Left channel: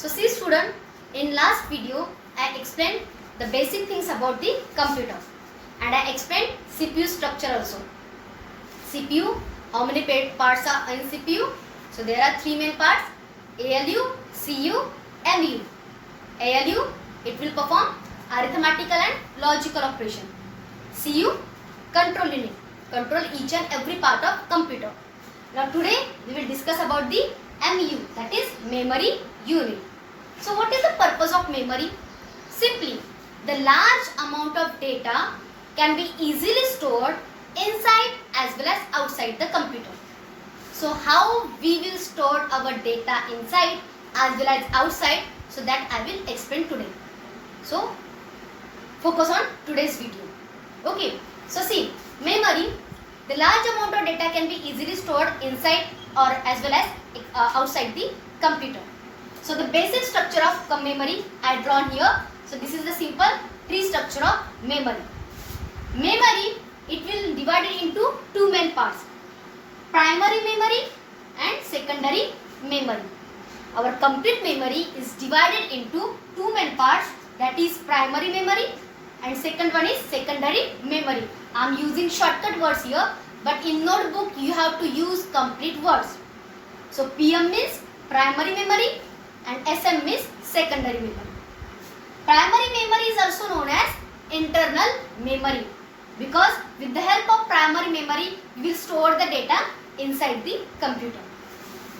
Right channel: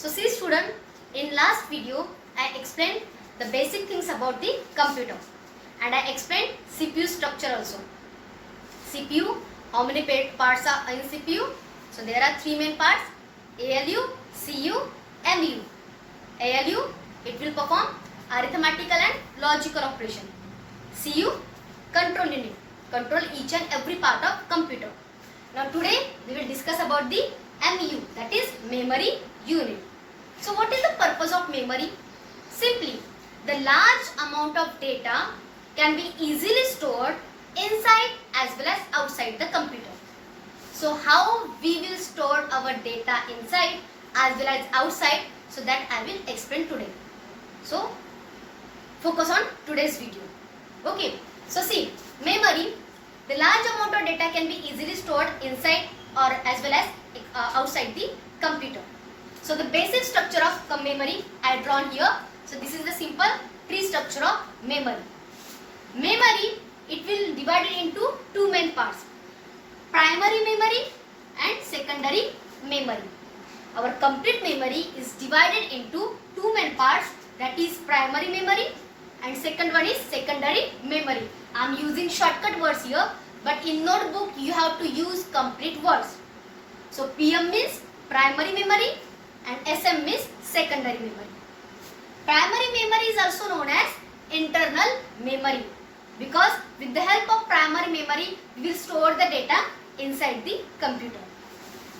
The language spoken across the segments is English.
So see student, in last video I explained the basic things about the computer and I explained CPU structure also. CPU, how many parts are in CPU? So there are three main parts: ALU, CU, MU. ALU, it will perform arithmetical and logical operation. CU, control unit, control each and every part of computer. Now today we will discuss about the MU, that is memory unit. So what is the purpose of memory? Simply, the large amount of data can be easily stored inside as well as outside the computer. So how we will store our data inside as well as outside, so that I will explain today. So focus on today's video. Okay, so see, memory, the large amount of data can be easily stored inside or as well as outside the computer. So the basic structure of memory I have drawn here. So this is the simple tree structure of memory. Memory, it will divide it into two main parts: primary memory and secondary memory. Our complete memory is divided into two main parts, that is primary memory and second one is secondary memory. I am using shortcut words here, but in notebook you have to use complete words. So PM means primary memory and SM means secondary memory. Primary memory is also known as internal memory, because with the help of primary memory we will store the data inside the computer.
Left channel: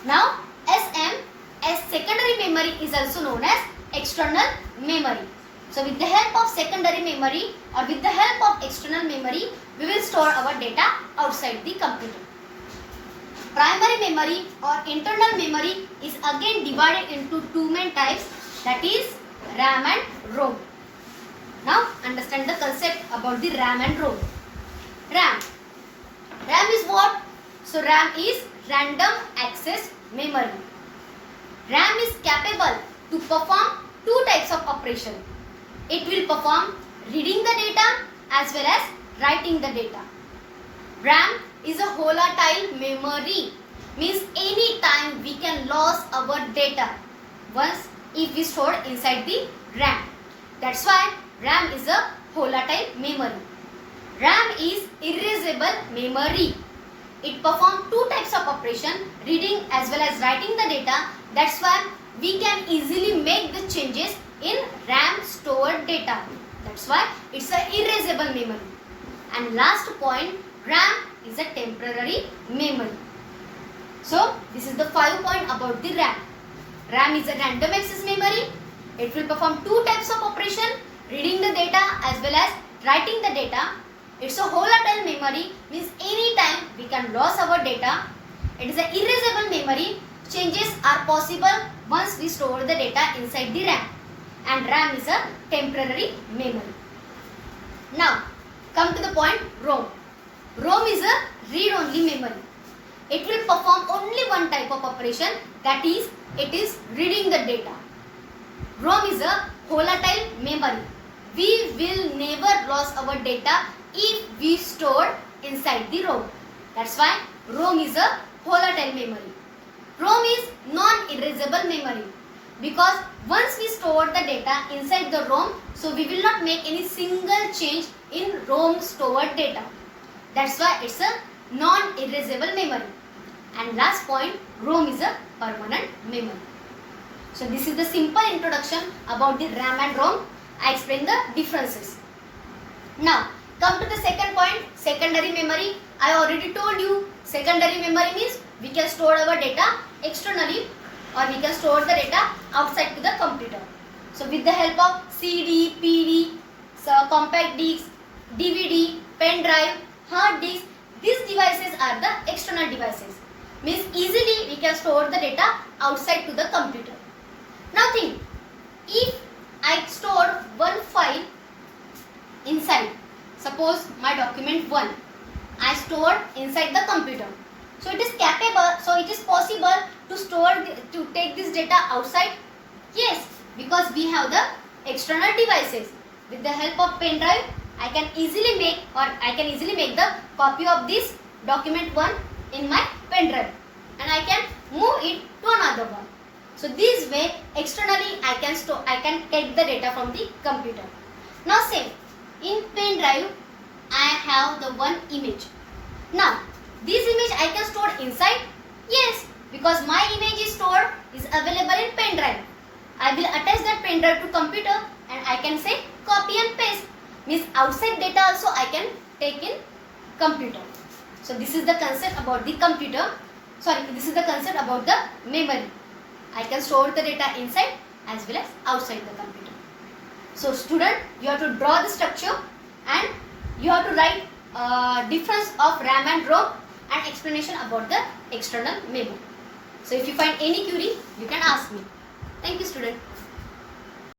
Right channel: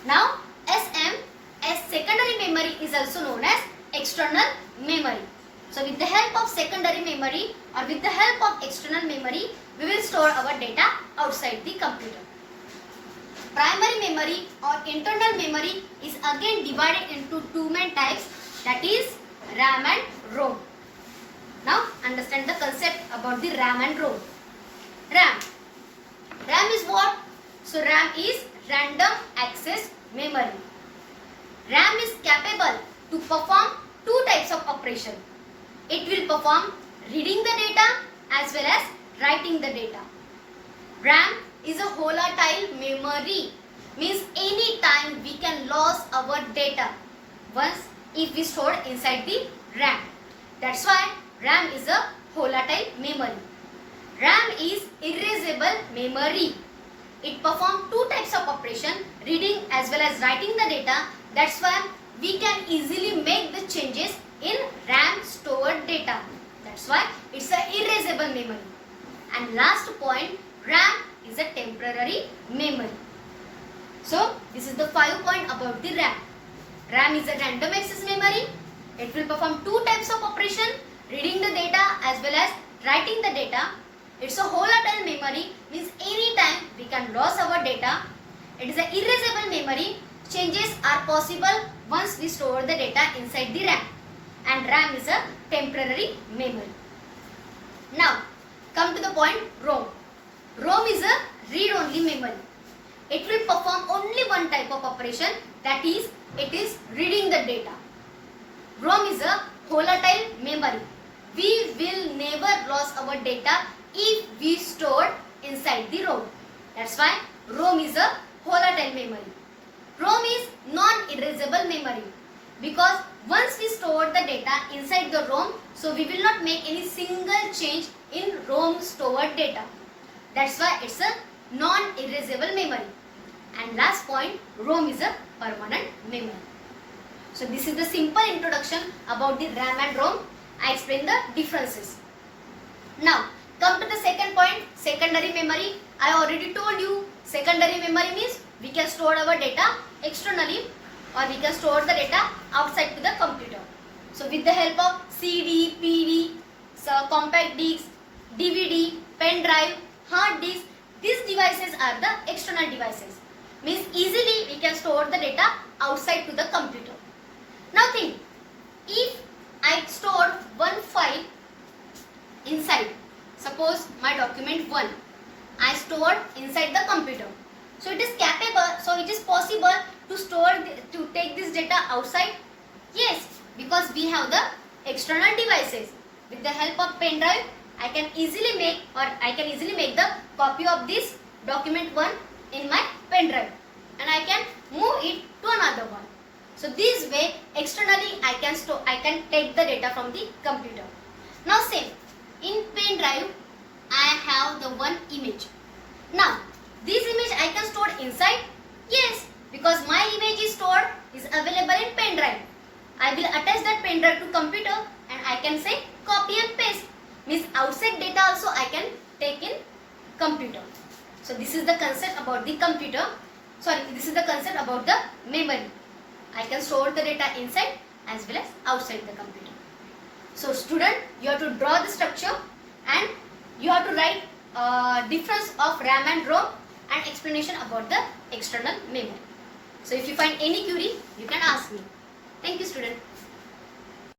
Now SM, as secondary memory, is also known as external memory. So with the help of secondary memory or with the help of external memory, we will store our data outside the computer. Primary memory or internal memory is again divided into two main types, that is RAM and ROM. Now understand the concept about the RAM and ROM. RAM. RAM is what? So RAM is random access memory. RAM is capable to perform two types of operation. It will perform reading the data as well as writing the data. RAM is a volatile memory, means any time we can lose our data once if we store inside the RAM. That's why RAM is a volatile memory. RAM is erasable memory. It performs two types of operation, reading as well as writing the data. That's why we can easily make the changes in RAM stored data. That's why it's a erasable memory. And last point, RAM is a temporary memory. So this is the 5 point about the RAM. RAM is a random access memory. It will perform two types of operation, reading the data as well as writing the data. It's a volatile memory, means any time we can lose our data. It is an erasable memory. Changes are possible once we store the data inside the RAM. And RAM is a temporary memory. Now come to the point ROM. ROM is a read-only memory. It will perform only one type of operation, that is, it is reading the data. ROM is a volatile memory. We will never lose our data if we store inside the ROM. That's why ROM is a volatile memory. ROM is non-erasable memory, because once we store the data inside the ROM, so we will not make any single change in ROM stored data. That's why it's a non-erasable memory. And last point, ROM is a permanent memory. So this is the simple introduction about the RAM and ROM. I explained the differences. Now come to the second point, secondary memory. I already told you, secondary memory means we can store our data externally or we can store the data outside to the computer. So with the help of CD, PD, compact disc, DVD, pen drive, hard disk, these devices are the external devices. Means easily we can store the data outside to the computer. Now think, if I store one file inside, suppose my document 1, I stored inside the computer. So it is capable, so it is possible to store, to take this data outside? Yes, because we have the external devices. With the help of pen drive, I can easily make the copy of this document 1 in my pen drive and I can move it to another one. So this way externally I can take the data from the computer. Now same, in pen drive I have the one image. Now this image I can store inside? Yes, because my image is available in pen drive. I will attach that pen drive to computer and I can say copy and paste. Means outside data also I can take in computer. So this is the concept about the computer. This is the concept about the memory. I can store the data inside as well as outside the computer. So student, you have to draw the structure and you have to write difference of RAM and ROM and explanation about the external memory. So if you find any query, you can ask me. Thank you student.